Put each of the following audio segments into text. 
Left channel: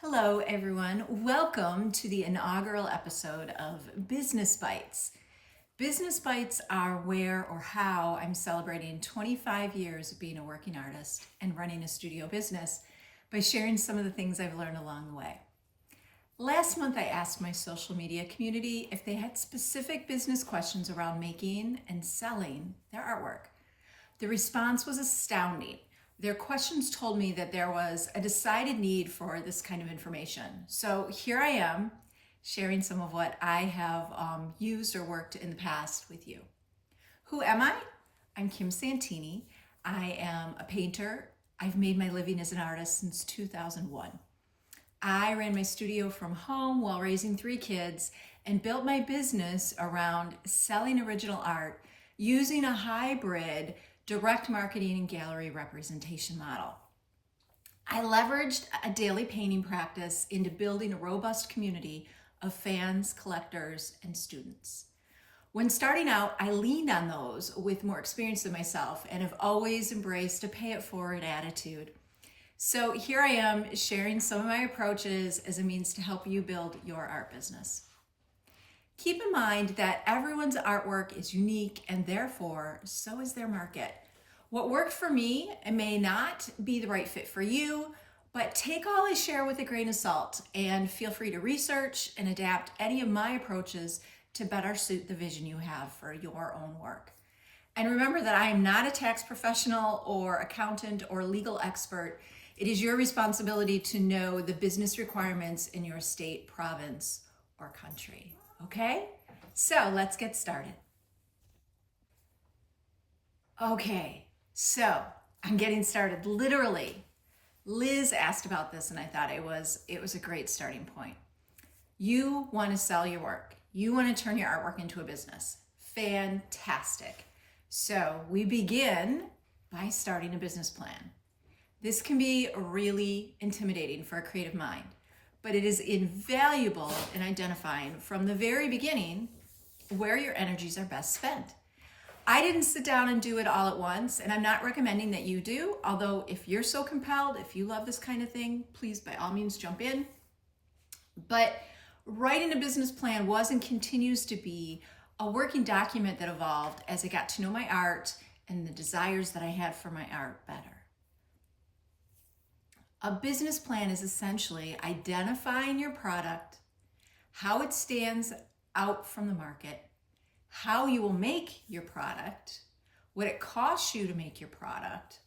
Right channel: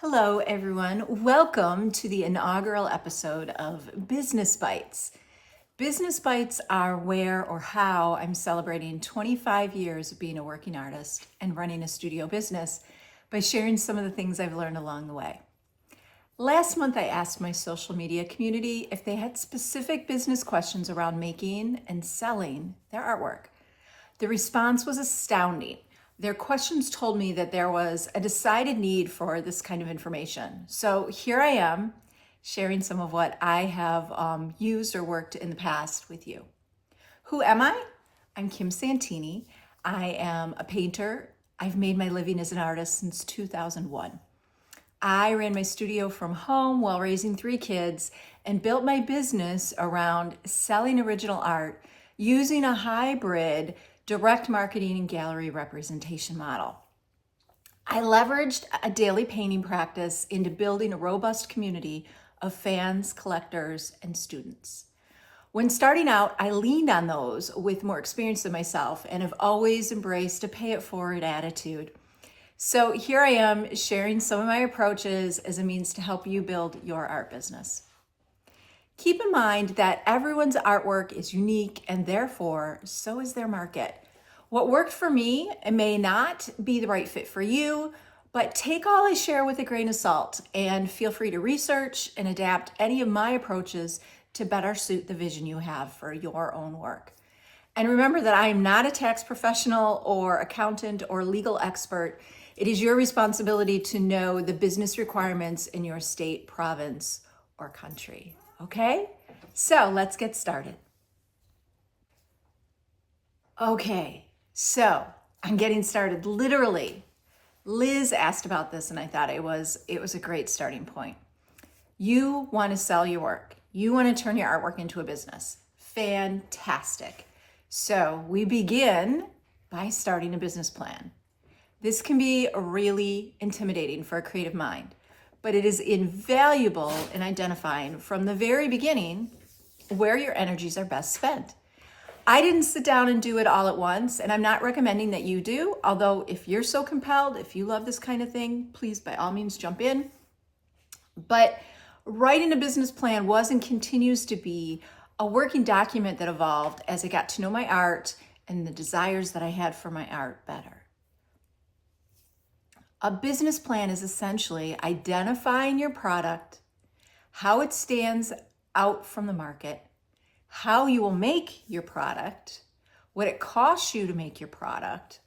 Hello, everyone. Welcome to the inaugural episode of Business Bites. Business Bites are where or how I'm celebrating 25 years of being a working artist and running a studio business by sharing some of the things I've learned along the way. Last month, I asked my social media community if they had specific business questions around making and selling their artwork. The response was astounding. Their questions told me that there was a decided need for this kind of information. So here I am sharing some of what I have used or worked in the past with you. Who am I? I'm Kim Santini. I am a painter. I've made my living as an artist since 2001. I ran my studio from home while raising 3 kids and built my business around selling original art using a hybrid direct marketing and gallery representation model. I leveraged a daily painting practice into building a robust community of fans, collectors, and students. When starting out, I leaned on those with more experience than myself and have always embraced a pay it forward attitude. So here I am sharing some of my approaches as a means to help you build your art business. Keep in mind that everyone's artwork is unique and therefore so is their market. What worked for me may not be the right fit for you, but take all I share with a grain of salt and feel free to research and adapt any of my approaches to better suit the vision you have for your own work. And remember that I am not a tax professional or accountant or legal expert. It is your responsibility to know the business requirements in your state, province, or country. Okay, so let's get started. Okay, so I'm getting started literally. Liz asked about this and I thought it was a great starting point. You want to sell your work. You want to turn your artwork into a business. Fantastic. So we begin by starting a business plan. This can be really intimidating for a creative mind, but it is invaluable in identifying from the very beginning where your energies are best spent. I didn't sit down and do it all at once, and I'm not recommending that you do, although if you're so compelled, if you love this kind of thing, please by all means jump in. But writing a business plan was and continues to be a working document that evolved as I got to know my art and the desires that I had for my art better. A business plan is essentially identifying your product, how it stands out from the market, how you will make your product, what it costs you to make your product,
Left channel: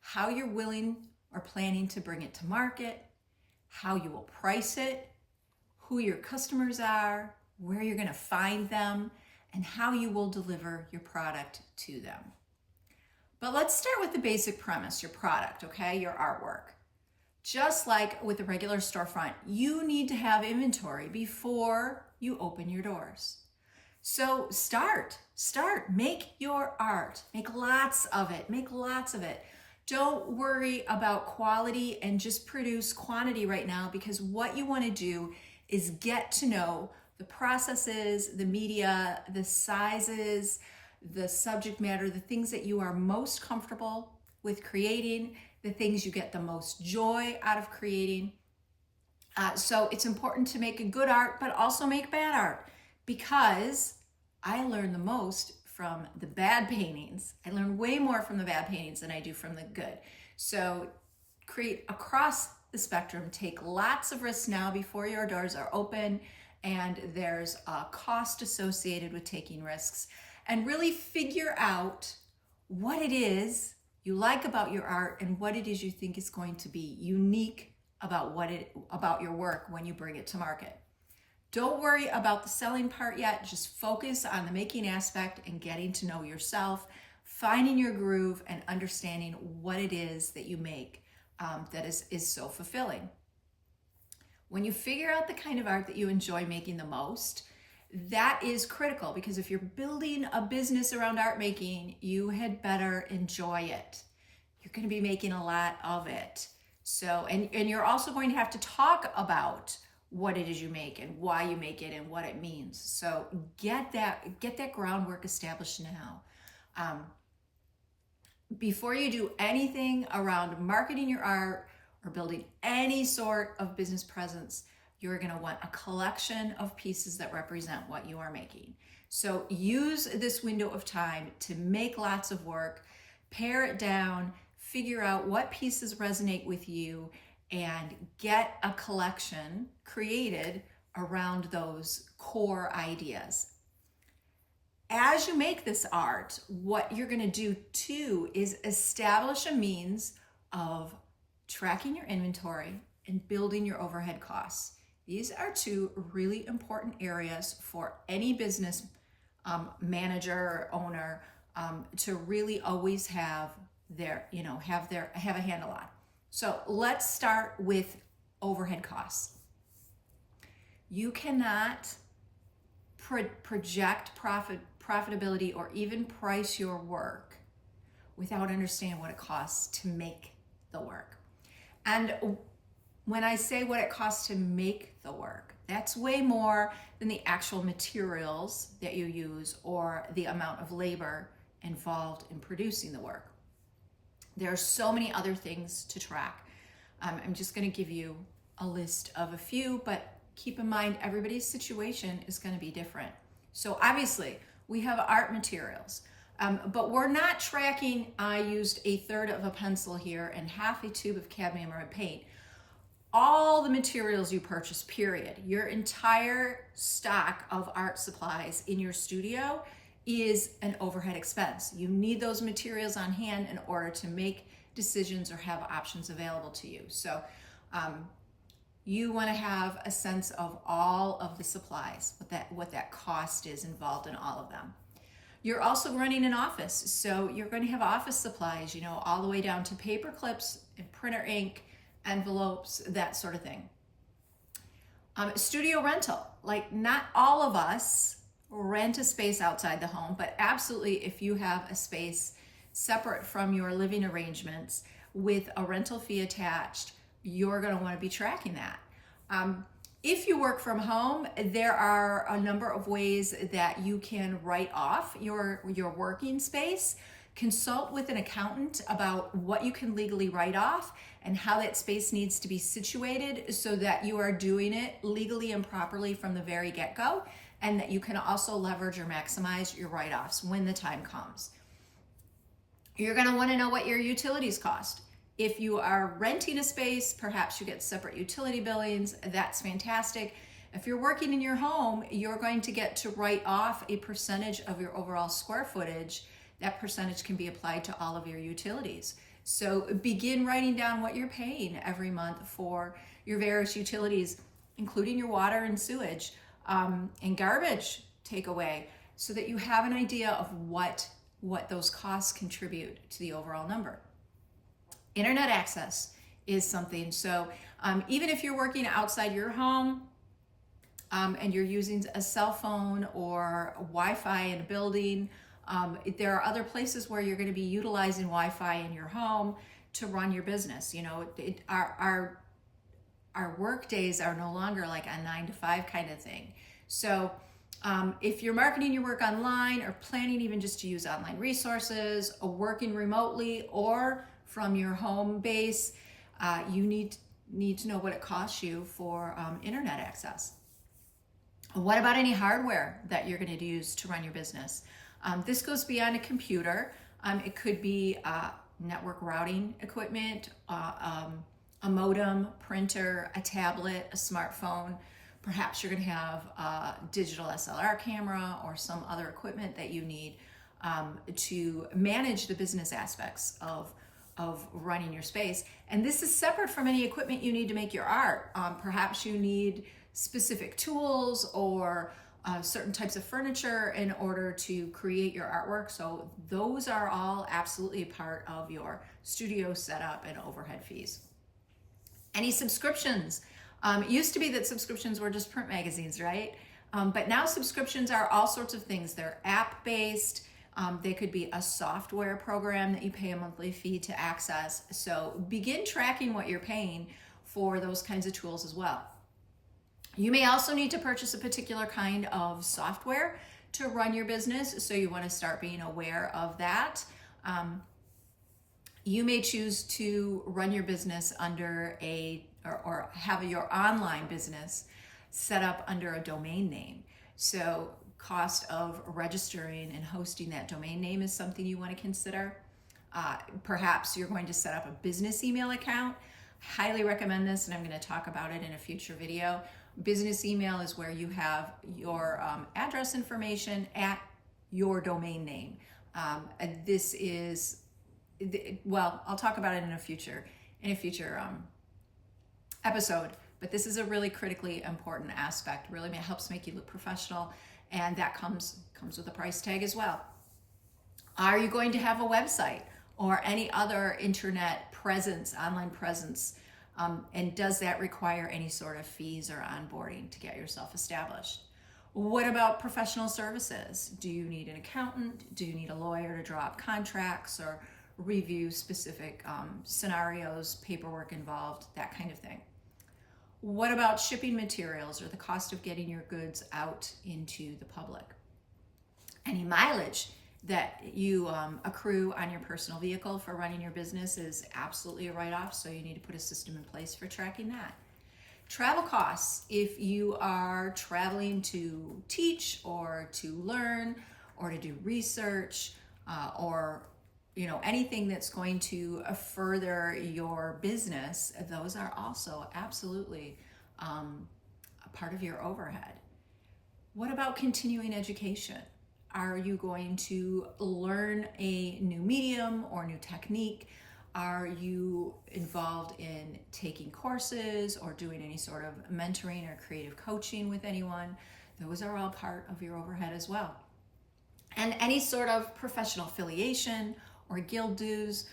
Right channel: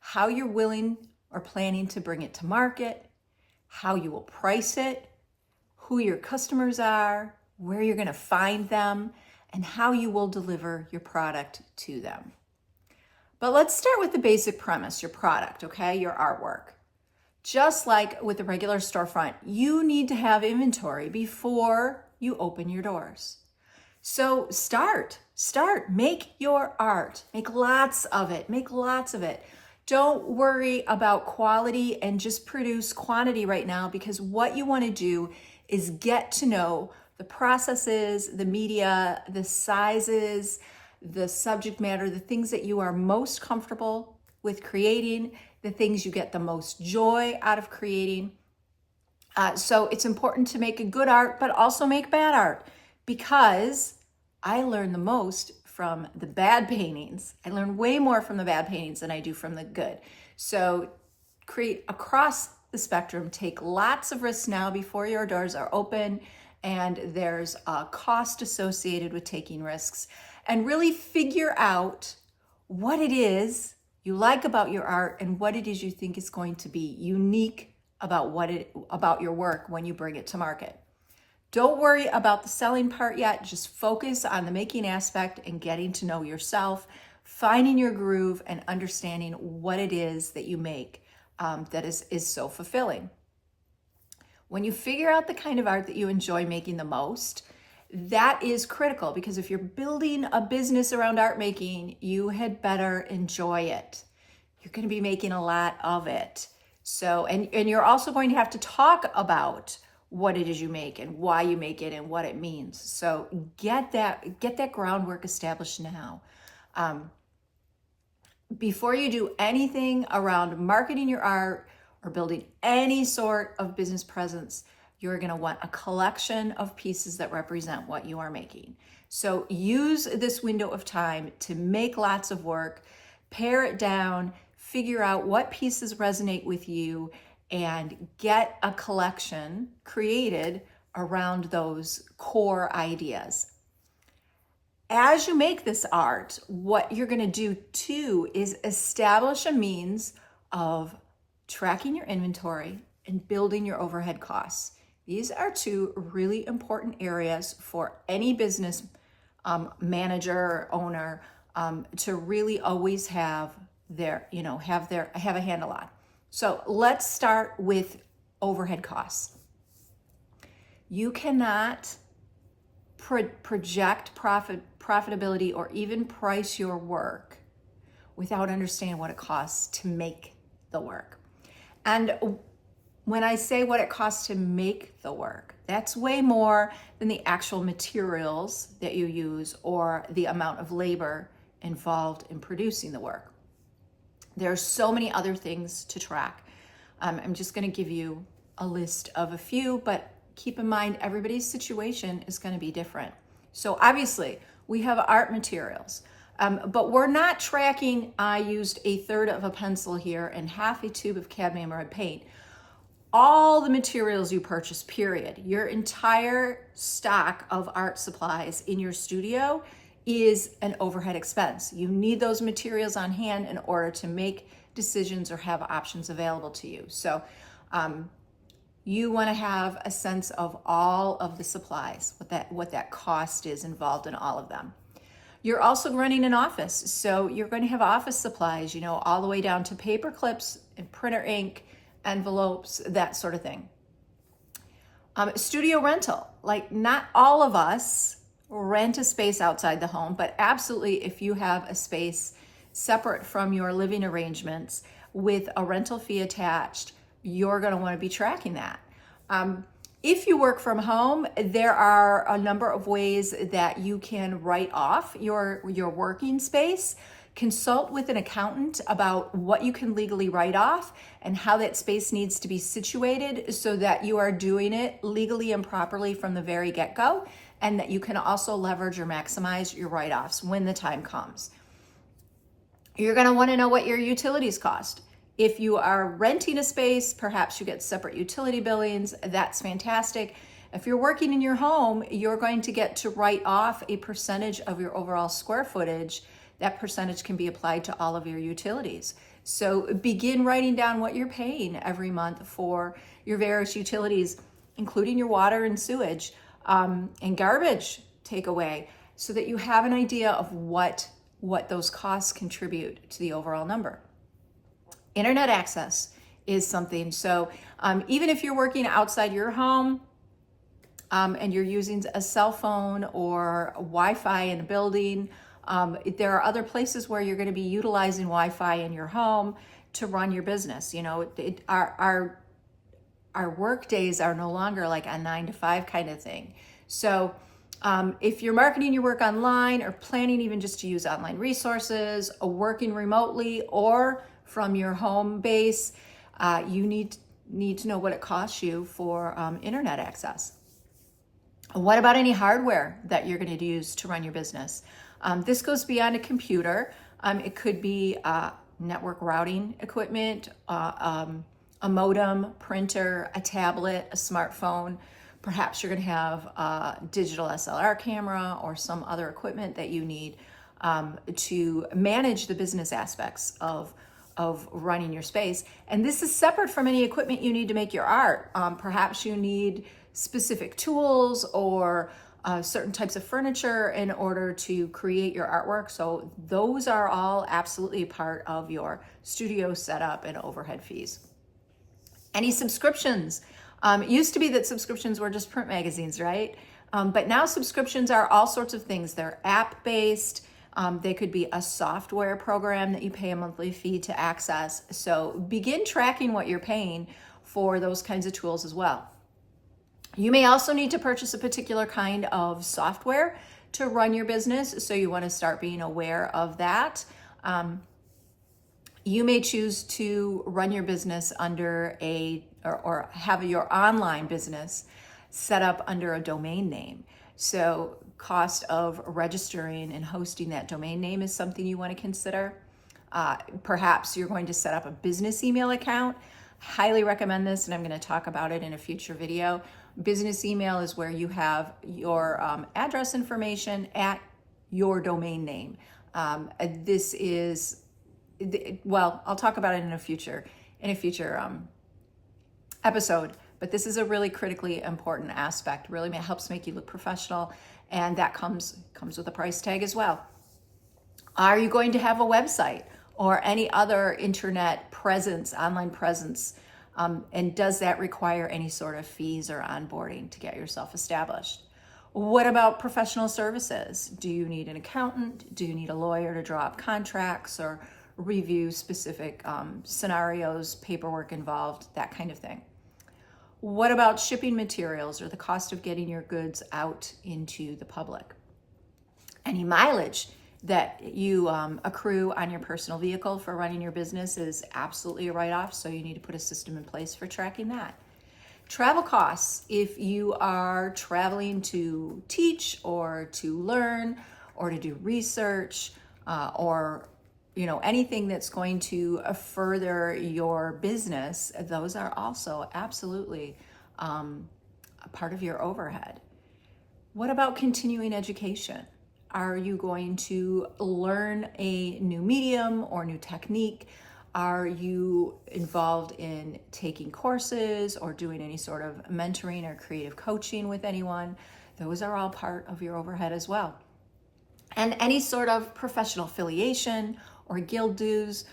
how you're willing or planning to bring it to market, how you will price it, who your customers are, where you're going to find them, and how you will deliver your product to them. But let's start with the basic premise, your product, okay, your artwork. Just like with a regular storefront, you need to have inventory before you open your doors. So start, make your art, make lots of it. Don't worry about quality and just produce quantity right now, because what you want to do is get to know the processes, the media, the sizes, the subject matter, the things that you are most comfortable with creating, the things you get the most joy out of creating. So it's important to make a good art, but also make bad art, because I learn the most from the bad paintings. I learn way more from the bad paintings than I do from the good. So create across the spectrum, take lots of risks now before your doors are open, and there's a cost associated with taking risks, and really figure out what it is you like about your art and what it is you think is going to be unique about your work when you bring it to market. Don't worry about the selling part yet. Just focus on the making aspect and getting to know yourself, finding your groove, and understanding what it is that you make that is so fulfilling. When you figure out the kind of art that you enjoy making the most, that is critical, because if you're building a business around art making, you had better enjoy it. You're going to be making a lot of it. So, and you're also going to have to talk about what it is you make and why you make it and what it means. So get that groundwork established now. Before you do anything around marketing your art or building any sort of business presence, you're going to want a collection of pieces that represent what you are making. So use this window of time to make lots of work, pare it down, figure out what pieces resonate with you, and get a collection created around those core ideas. As you make this art, what you're going to do too is establish a means of tracking your inventory and building your overhead costs. These are two really important areas for any business manager or owner to really always have a handle on. So let's start with overhead costs. You cannot project profitability or even price your work without understanding what it costs to make the work. And when I say what it costs to make the work, that's way more than the actual materials that you use or the amount of labor involved in producing the work. There are so many other things to track. I'm just going to give you a list of a few, but keep in mind everybody's situation is going to be different. So obviously we have art materials, but we're not tracking, I used 1/3 of a pencil here and half a tube of cadmium red paint. All the materials you purchase, period. Your entire stock of art supplies in your studio is an overhead expense. You need those materials on hand in order to make decisions or have options available to you. So you want to have a sense of all of the supplies, what that cost is involved in all of them. You're also running an office, so you're going to have office supplies, all the way down to paper clips and printer ink, envelopes, that sort of thing. Studio rental, like not all of us rent a space outside the home, but absolutely if you have a space separate from your living arrangements with a rental fee attached, you're going to want to be tracking that. If you work from home, there are a number of ways that you can write off your working space. Consult with an accountant about what you can legally write off and how that space needs to be situated so that you are doing it legally and properly from the very get-go, and that you can also leverage or maximize your write-offs when the time comes. You're going to want to know what your utilities cost. If you are renting a space, perhaps you get separate utility billings. That's fantastic. If you're working in your home, you're going to get to write off a percentage of your overall square footage. That percentage can be applied to all of your utilities. So begin writing down what you're paying every month for your various utilities, including your water and sewage and garbage takeaway, so that you have an idea of what those costs contribute to the overall number. Internet access is something. So even if you're working outside your home and you're using a cell phone or Wi-Fi in a building, there are other places where you're going to be utilizing Wi-Fi in your home to run your business. Our work days are no longer like a 9-to-5 kind of thing. So if you're marketing your work online or planning even just to use online resources or working remotely or from your home base, you need to know what it costs you for internet access. What about any hardware that you're going to use to run your business? This goes beyond a computer. It could be network routing equipment, a modem, printer, a tablet, a smartphone. Perhaps you're going to have a digital SLR camera or some other equipment that you need to manage the business aspects of running your space. And this is separate from any equipment you need to make your art. Perhaps you need specific tools or certain types of furniture in order to create your artwork. So those are all absolutely part of your studio setup and overhead fees. Any subscriptions? It used to be that subscriptions were just print magazines, right? But now subscriptions are all sorts of things. They're app-based. They could be a software program that you pay a monthly fee to access. So begin tracking what you're paying for those kinds of tools as well. You may also need to purchase a particular kind of software to run your business, so you want to start being aware of that. You may choose to run your business under or have your online business set up under a domain name. So cost of registering and hosting that domain name is something you want to consider. Perhaps you're going to set up a business email account. Highly recommend this, and I'm going to talk about it in a future video. Business email is where you have your address information at your domain name. This is, well, I'll talk about it in a future episode, but this is a really critically important aspect. Really helps make you look professional, and that comes with a price tag as well. Are you going to have a website or any other internet presence, online presence? And does that require any sort of fees or onboarding to get yourself established? What about professional services? Do you need an accountant? Do you need a lawyer to draw up contracts or review specific scenarios, paperwork involved, that kind of thing? What about shipping materials or the cost of getting your goods out into the public? Any mileage that you accrue on your personal vehicle for running your business is absolutely a write-off, so you need to put a system in place for tracking that. Travel costs, if you are traveling to teach or to learn or to do research or anything that's going to further your business, those are also absolutely a part of your overhead. What about continuing education? Are you going to learn a new medium or new technique? Are you involved in taking courses or doing any sort of mentoring or creative coaching with anyone? Those are all part of your overhead as well. And any sort of professional affiliation or guild dues,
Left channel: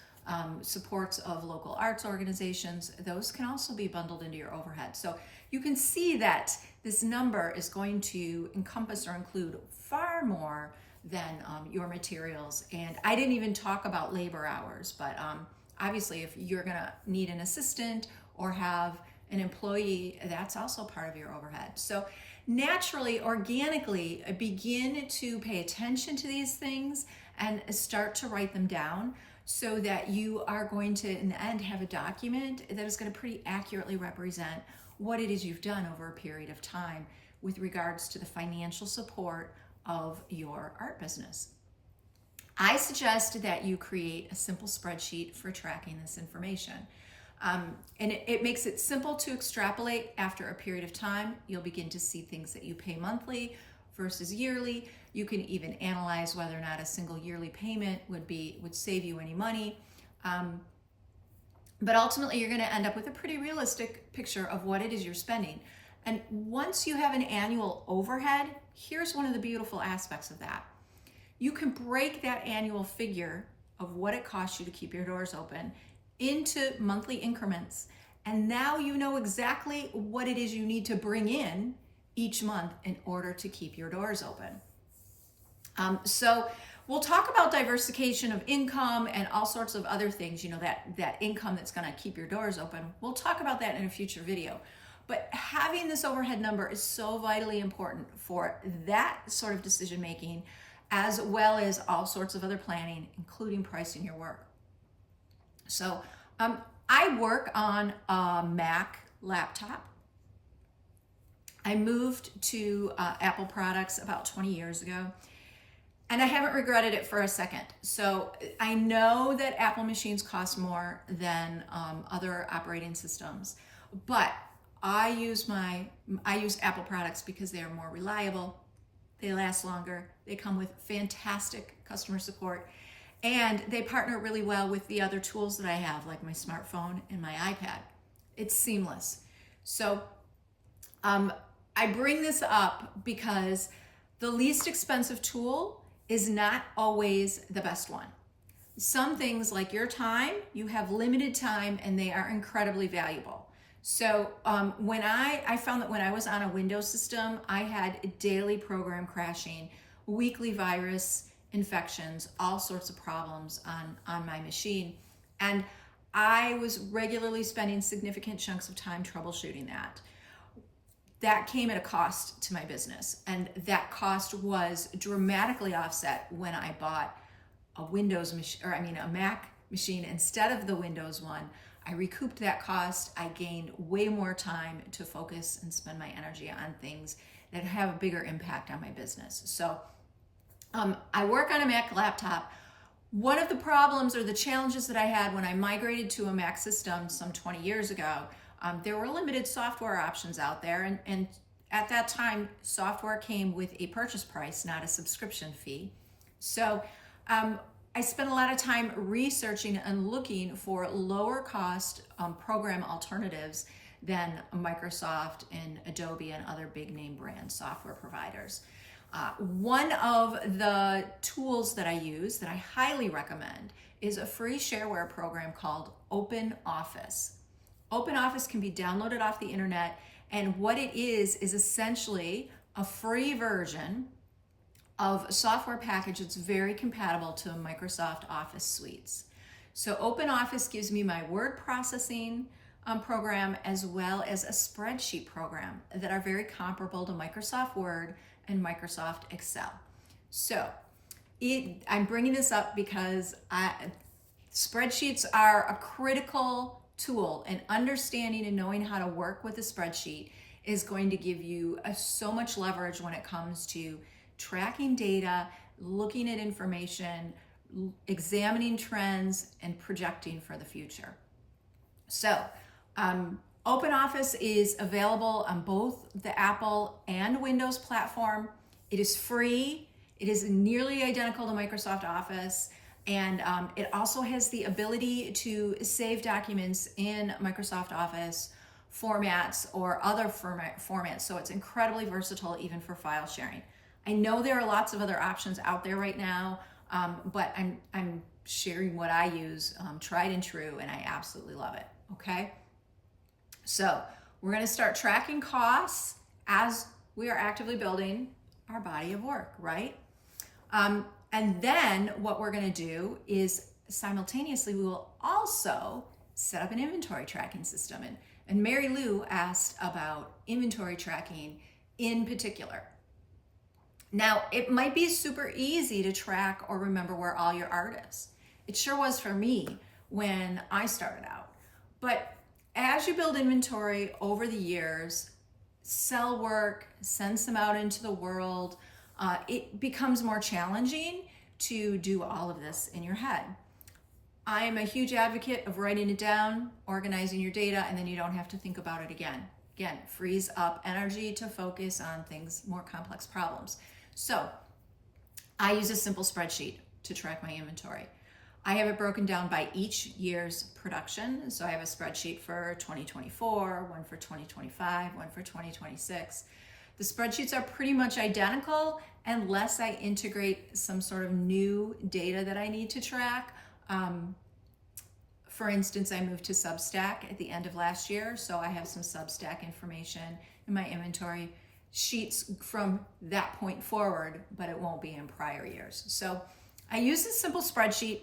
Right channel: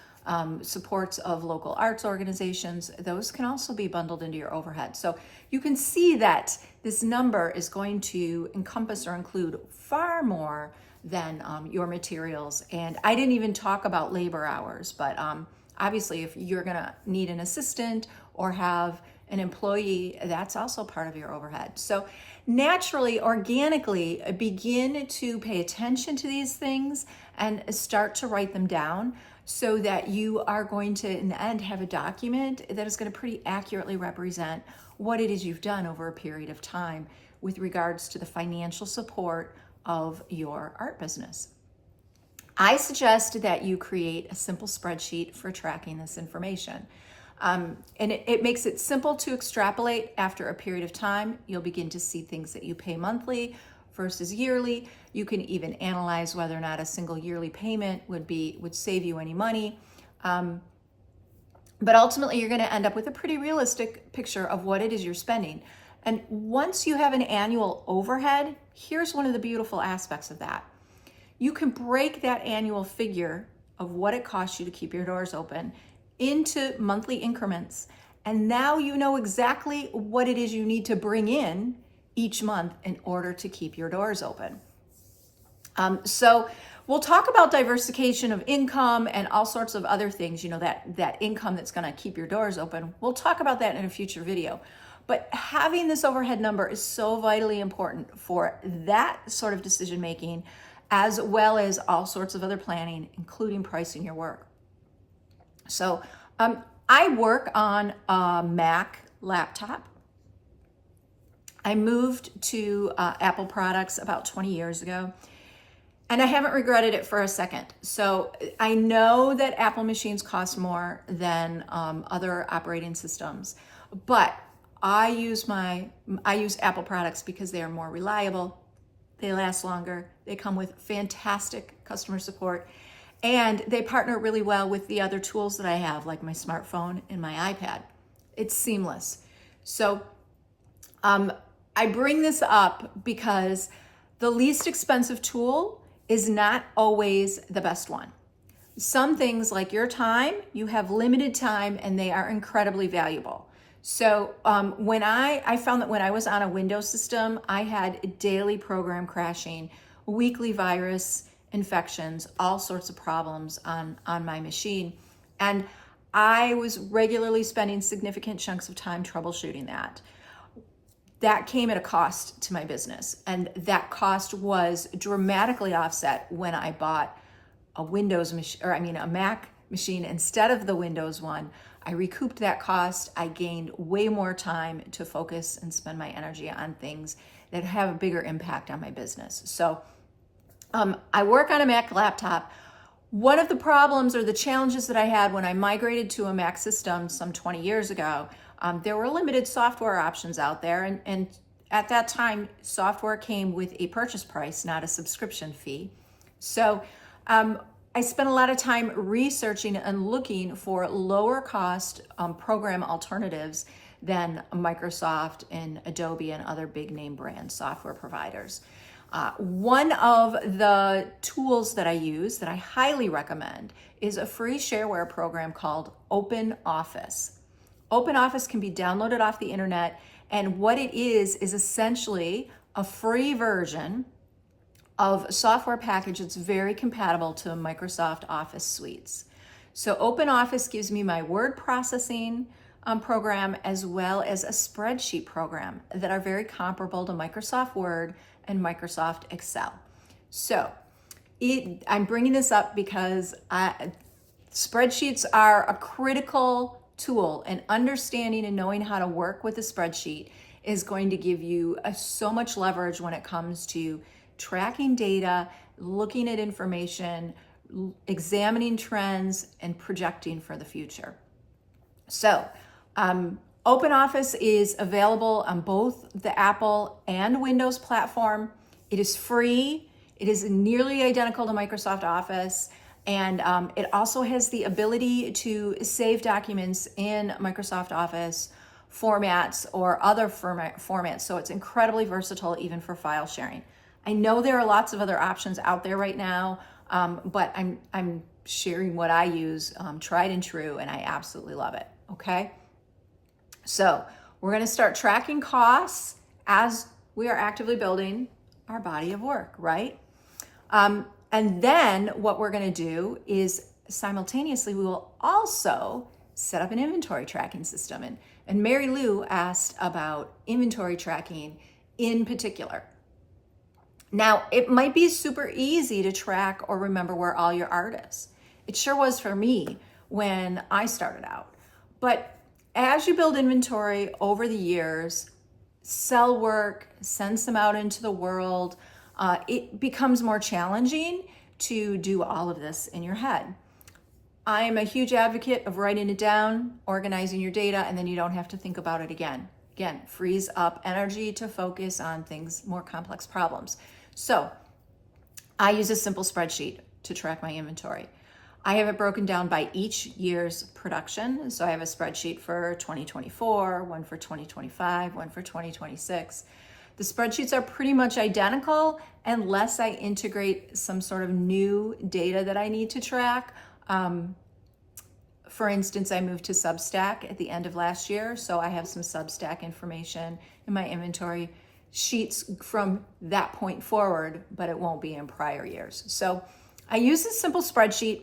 supports of local arts organizations, those can also be bundled into your overhead. So you can see that this number is going to encompass or include far more than your materials. And I didn't even talk about labor hours, but obviously if you're gonna need an assistant or have an employee, that's also part of your overhead. So naturally, organically, begin to pay attention to these things and start to write them down so that you are going to, in the end, have a document that is going to pretty accurately represent what it is you've done over a period of time with regards to the financial support of your art business. I suggest that you create a simple spreadsheet for tracking this information. And it makes it simple to extrapolate. After a period of time, you'll begin to see things that you pay monthly versus yearly. You can even analyze whether or not a single yearly payment would save you any money. But ultimately, you're going to end up with a pretty realistic picture of what it is you're spending. And once you have an annual overhead, here's one of the beautiful aspects of that. You can break that annual figure of what it costs you to keep your doors open into monthly increments. And now you know exactly what it is you need to bring in each month in order to keep your doors open. So we'll talk about diversification of income and all sorts of other things, that income that's going to keep your doors open. We'll talk about that in a future video. But having this overhead number is so vitally important for that sort of decision making, as well as all sorts of other planning, including pricing your work. So I work on a Mac laptop. I moved to Apple products about 20 years ago, and I haven't regretted it for a second. So I know that Apple machines cost more than other operating systems, but I use Apple products because they are more reliable, they last longer, they come with fantastic customer support, and they partner really well with the other tools that I have, like my smartphone and my iPad. It's seamless. So I bring this up because the least expensive tool is not always the best one. Some things like your time, you have limited time and they are incredibly valuable. So when I found that when I was on a Windows system, I had daily program crashing, weekly virus infections, all sorts of problems on my machine. And I was regularly spending significant chunks of time troubleshooting that. That came at a cost to my business. And that cost was dramatically offset when I bought a Mac machine instead of the Windows one, I recouped that cost. I gained way more time to focus and spend my energy on things that have a bigger impact on my business. So I work on a Mac laptop. One of the problems or the challenges that I had when I migrated to a Mac system some 20 years ago, there were limited software options out there. And at that time, software came with a purchase price, not a subscription fee. So I spent a lot of time researching and looking for lower cost program alternatives than Microsoft and Adobe and other big name brand software providers. One of the tools that I use that I highly recommend is a free shareware program called OpenOffice. OpenOffice can be downloaded off the internet, and what it is essentially a free version of a software package that's very compatible to Microsoft Office suites. So OpenOffice gives me my word processing program as well as a spreadsheet program that are very comparable to Microsoft Word and Microsoft Excel. So I'm bringing this up because spreadsheets are a critical tool, and understanding and knowing how to work with a spreadsheet is going to give you so much leverage when it comes to tracking data, looking at information, examining trends, and projecting for the future. So OpenOffice is available on both the Apple and Windows platform. It is free. It is nearly identical to Microsoft Office. And it also has the ability to save documents in Microsoft Office formats or other formats. So it's incredibly versatile even for file sharing. I know there are lots of other options out there right now, but I'm sharing what I use, tried and true, and I absolutely love it, okay? So we're gonna start tracking costs as we are actively building our body of work, right? And then what we're gonna do is simultaneously, we will also set up an inventory tracking system. And Mary Lou asked about inventory tracking in particular. Now, it might be super easy to track or remember where all your art is. It sure was for me when I started out. But as you build inventory over the years, sell work, send some out into the world, it becomes more challenging to do all of this in your head. I'm a huge advocate of writing it down, organizing your data, and then you don't have to think about it again. Again, frees up energy to focus on things, more complex problems. So I use a simple spreadsheet to track my inventory. I have it broken down by each year's production. So I have a spreadsheet for 2024, one for 2025, one for 2026. The spreadsheets are pretty much identical unless I integrate some sort of new data that I need to track. For instance, I moved to Substack at the end of last year, so I have some Substack information in my inventory sheets from that point forward, but it won't be in prior years. So I use this simple spreadsheet.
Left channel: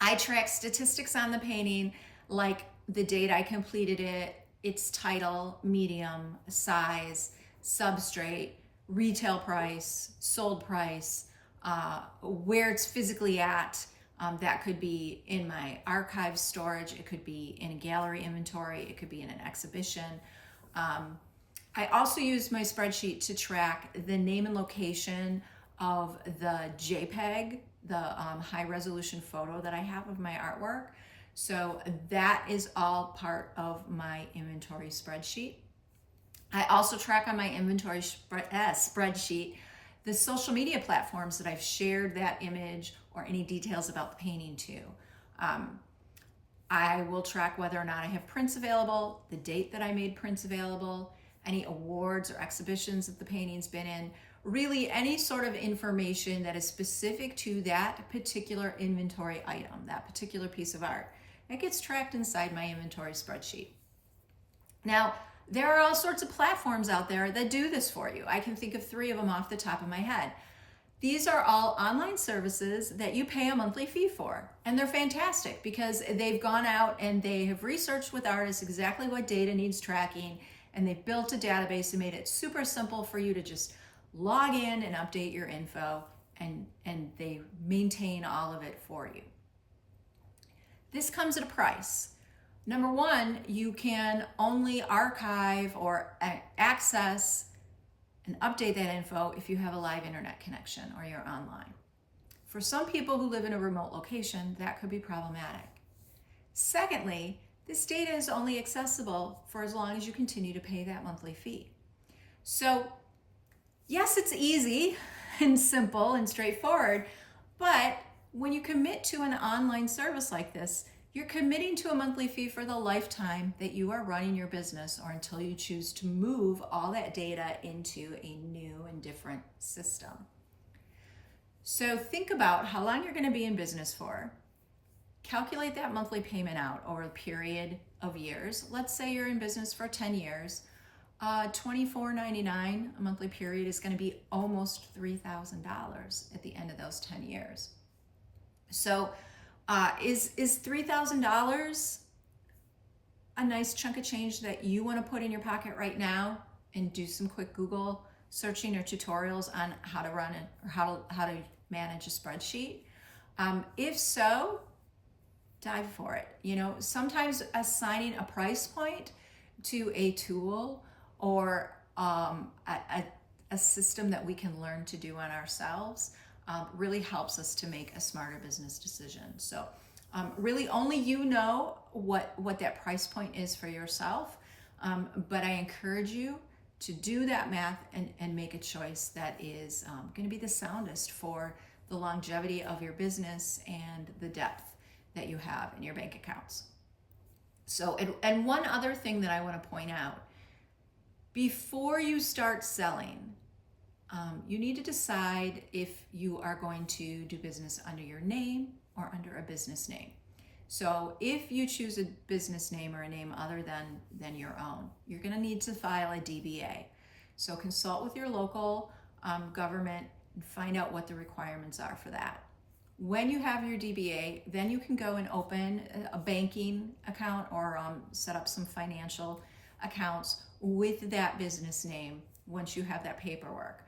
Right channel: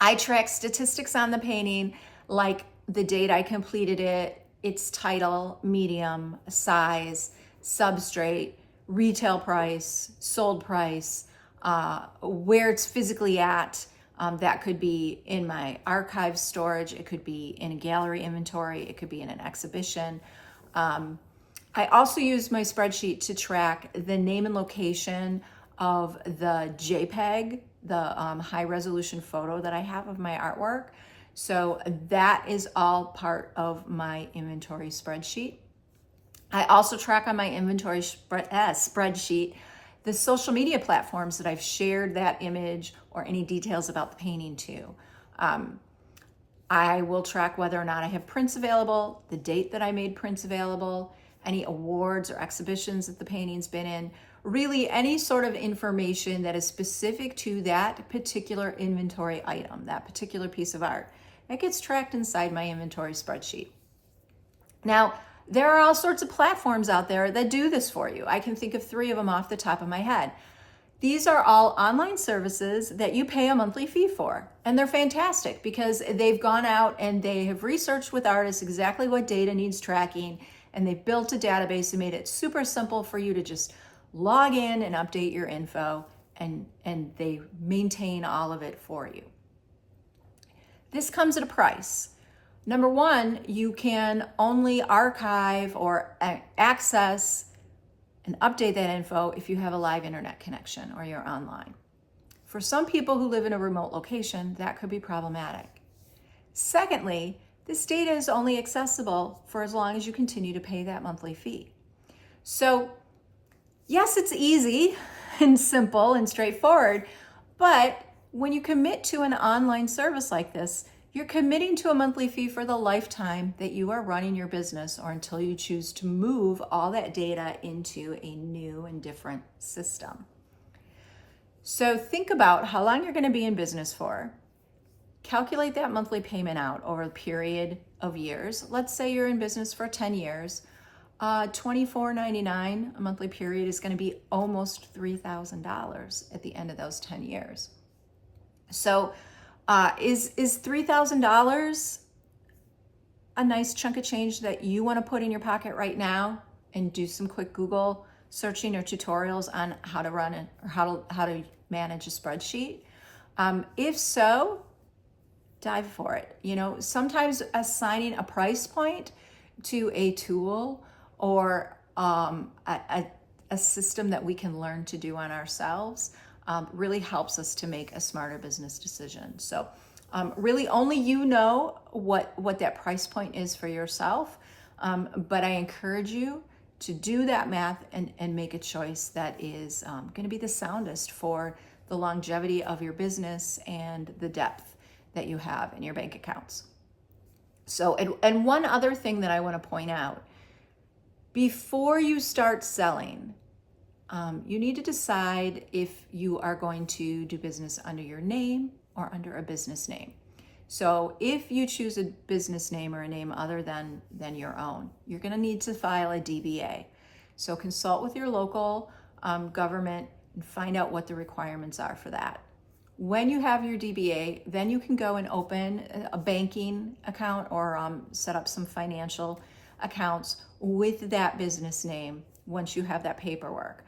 I track statistics on the painting, like the date I completed it, its title, medium, size, substrate, retail price, sold price, where it's physically at. That could be in my archive storage. It could be in a gallery inventory. It could be in an exhibition. I also use my spreadsheet to track the name and location of the JPEG, the high resolution photo that I have of my artwork. So that is all part of my inventory spreadsheet. I also track on my inventory spreadsheet the social media platforms that I've shared that image or any details about the painting to. I will track whether or not I have prints available, the date that I made prints available, any awards or exhibitions that the painting's been in, really any sort of information that is specific to that particular inventory item, that particular piece of art. That gets tracked inside my inventory spreadsheet. Now, there are all sorts of platforms out there that do this for you. I can think of 3 of them off the top of my head. These are all online services that you pay a monthly fee for. And they're fantastic because they've gone out and they have researched with artists exactly what data needs tracking. And they've built a database and made it super simple for you to just log in and update your info. And they maintain all of it for you. This comes at a price. Number one, you can only archive or access and update that info if you have a live internet connection or you're online. For some people who live in a remote location, that could be problematic. Secondly, this data is only accessible for as long as you continue to pay that monthly fee. So yes, it's easy and simple and straightforward, but when you commit to an online service like this, you're committing to a monthly fee for the lifetime that you are running your business, or until you choose to move all that data into a new and different system. So think about how long you're going to be in business for. Calculate that monthly payment out over a period of years. Let's say you're in business for 10 years. $24.99 a monthly period is going to be almost $3,000 at the end of those 10 years. So is $3,000 a nice chunk of change that you want to put in your pocket right now and do some quick Google searching or tutorials on how to run it or how to manage a spreadsheet? If so, dive for it. You know, sometimes assigning a price point to a tool or a system that we can learn to do on ourselves really helps us to make a smarter business decision. So really only you know what that price point is for yourself, but I encourage you to do that math and make a choice that is going to be the soundest for the longevity of your business and the depth that you have in your bank accounts. So, and one other thing that I want to point out, before you start selling, you need to decide if you are going to do business under your name or under a business name. So if you choose a business name or a name other than your own, you're going to need to file a DBA. So consult with your local government and find out what the requirements are for that. When you have your DBA, then you can go and open a banking account or set up some financial accounts with that business name once you have that paperwork.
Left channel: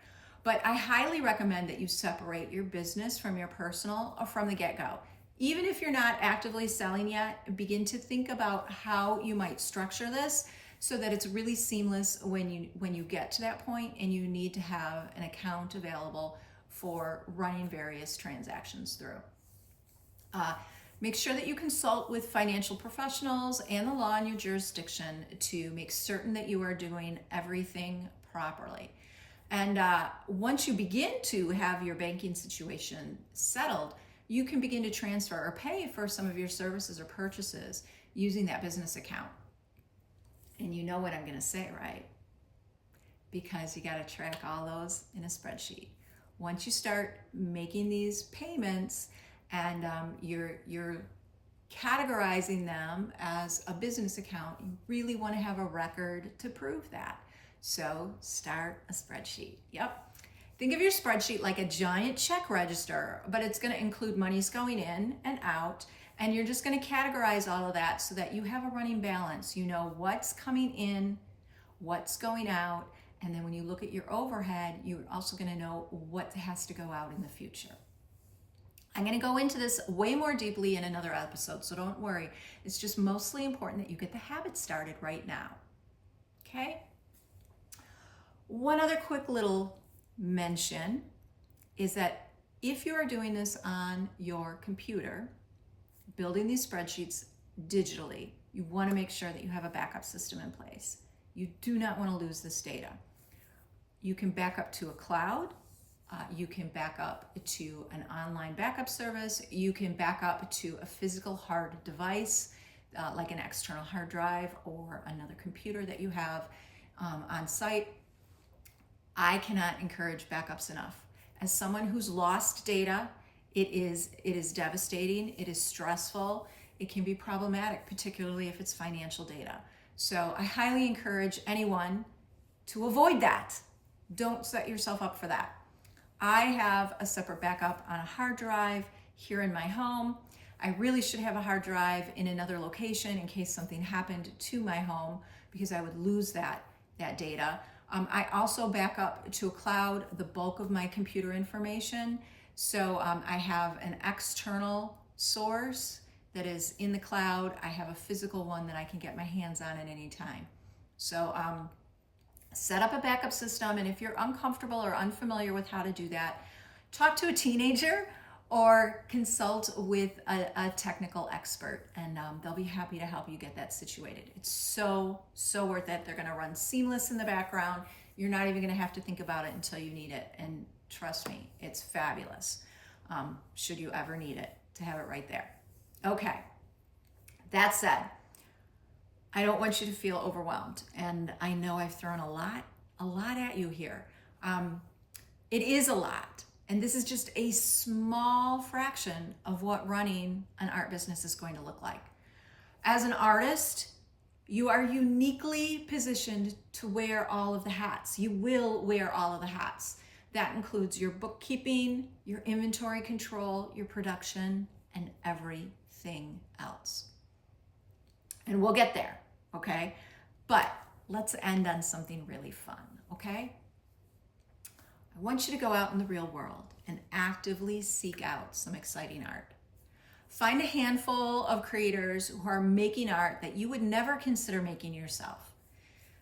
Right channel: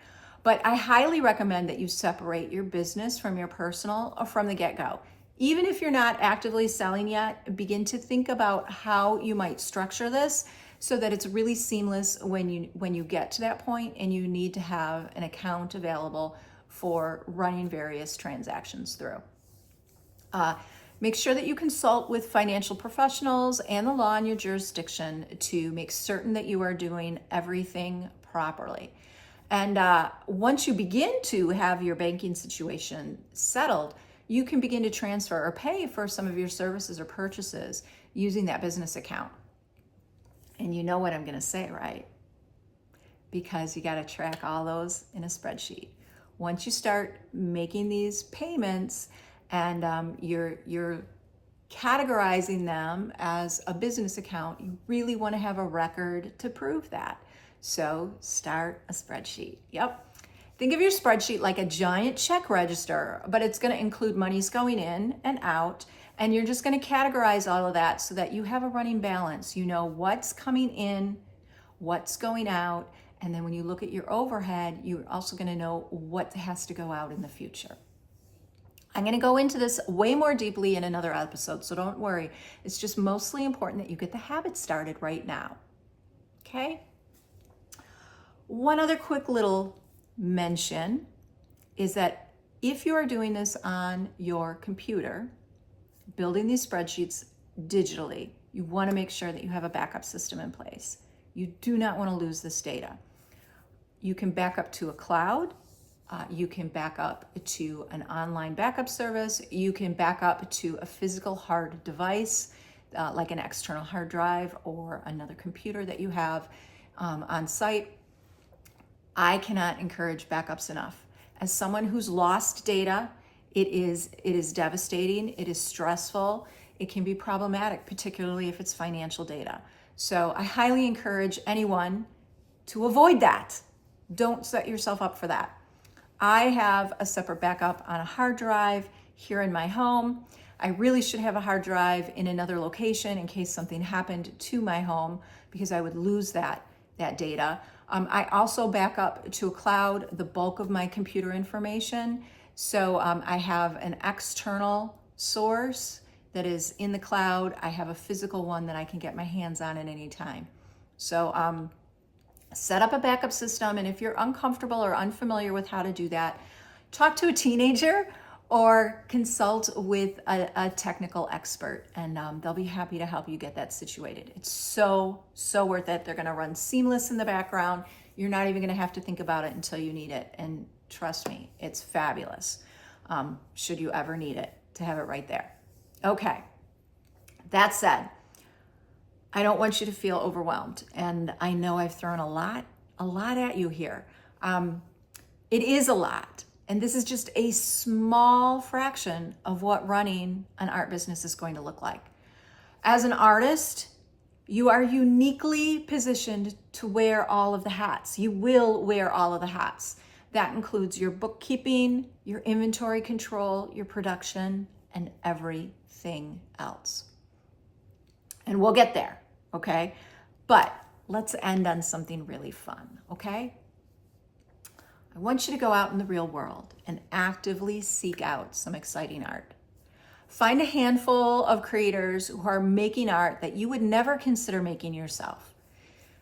But I highly recommend that you separate your business from your personal from the get-go. Even if you're not actively selling yet, begin to think about how you might structure this so that it's really seamless when you get to that point and you need to have an account available for running various transactions through. Make sure that you consult with financial professionals and the law in your jurisdiction to make certain that you are doing everything properly. And once you begin to have your banking situation settled, you can begin to transfer or pay for some of your services or purchases using that business account. And you know what I'm going to say, right? Because you got to track all those in a spreadsheet. Once you start making these payments and you're categorizing them as a business account, you really want to have a record to prove that. So start a spreadsheet. Yep. Think of your spreadsheet like a giant check register, but it's going to include monies going in and out, and you're just going to categorize all of that so that you have a running balance. You know what's coming in, what's going out, and then when you look at your overhead, you're also going to know what has to go out in the future. I'm going to go into this way more deeply in another episode, so don't worry. It's just mostly important that you get the habit started right now. Okay? One other quick little mention is that if you are doing this on your computer, building these spreadsheets digitally, you want to make sure that you have a backup system in place. You do not want to lose this data. You can back up to a cloud. You can back up to an online backup service. You can back up to a physical hard device, like an external hard drive or another computer that you have on site. I cannot encourage backups enough. As someone who's lost data, it is devastating, it is stressful, it can be problematic, particularly if it's financial data. So I highly encourage anyone to avoid that. Don't set yourself up for that. I have a separate backup on a hard drive here in my home. I really should have a hard drive in another location in case something happened to my home, because I would lose that data. I also back up to a cloud the bulk of my computer information. So I have an external source that is in the cloud. I have a physical one that I can get my hands on at any time. So set up a backup system. And if you're uncomfortable or unfamiliar with how to do that, talk to a teenager or consult with a technical expert, and they'll be happy to help you get that situated. It's so worth it. They're going to run seamless in the background. You're not even going to have to think about it until you need it. And trust me, it's fabulous. Should you ever need it, to have it right there. Okay. That said, I don't want you to feel overwhelmed. And I know I've thrown a lot at you here. It is a lot. And this is just a small fraction of what running an art business is going to look like. As an artist, you are uniquely positioned to wear all of the hats. You will wear all of the hats. That includes your bookkeeping, your inventory control, your production, and everything else. And we'll get there, okay? But let's end on something really fun, okay? I want you to go out in the real world and actively seek out some exciting art. Find a handful of creators who are making art that you would never consider making yourself.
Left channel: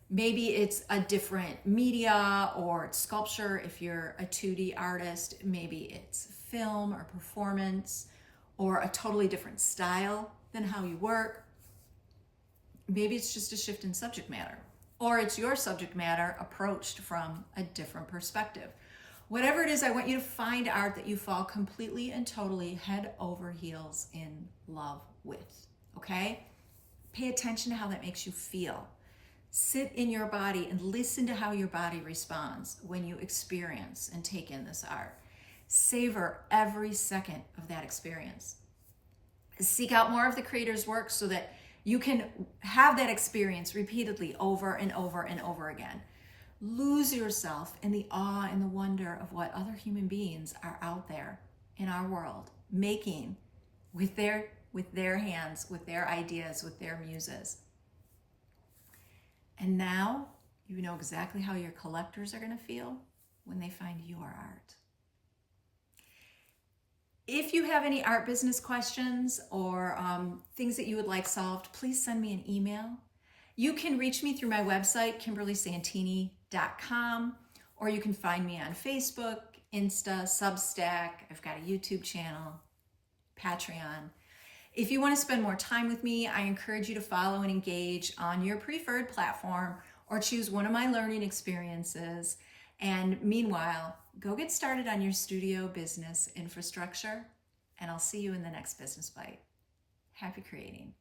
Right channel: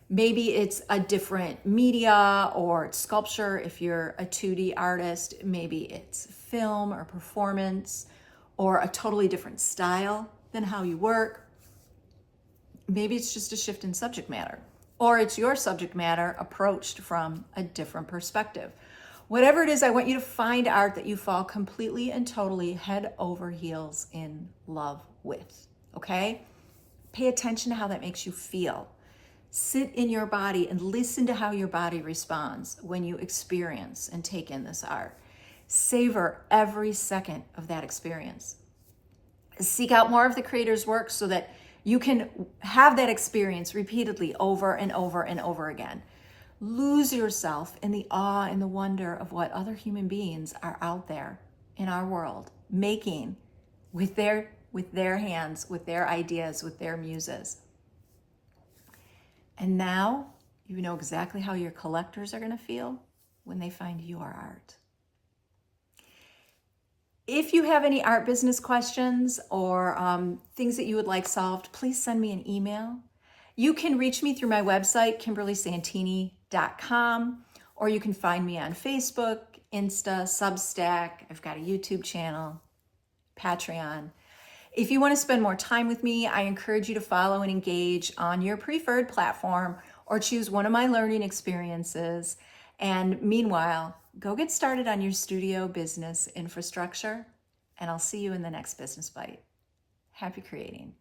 Maybe it's a different media, or it's sculpture if you're a 2D artist. Maybe it's film or performance, or a totally different style than how you work. Maybe it's just a shift in subject matter, or it's your subject matter approached from a different perspective. Whatever it is, I want you to find art that you fall completely and totally head over heels in love with, okay? Pay attention to how that makes you feel. Sit in your body and listen to how your body responds when you experience and take in this art. Savor every second of that experience. Seek out more of the creator's work so that you can have that experience repeatedly over and over and over again. Lose yourself in the awe and the wonder of what other human beings are out there in our world making with their hands, with their ideas, with their muses. And now you know exactly how your collectors are going to feel when they find your art. If you have any art business questions or things that you would like solved, please send me an email. You can reach me through my website, KimberlySantini.com, or you can find me on Facebook, Insta, Substack. I've got a YouTube channel, Patreon. If you want to spend more time with me, I encourage you to follow and engage on your preferred platform or choose one of my learning experiences. And meanwhile, go get started on your studio business infrastructure, and I'll see you in the next Business Bite. Happy creating.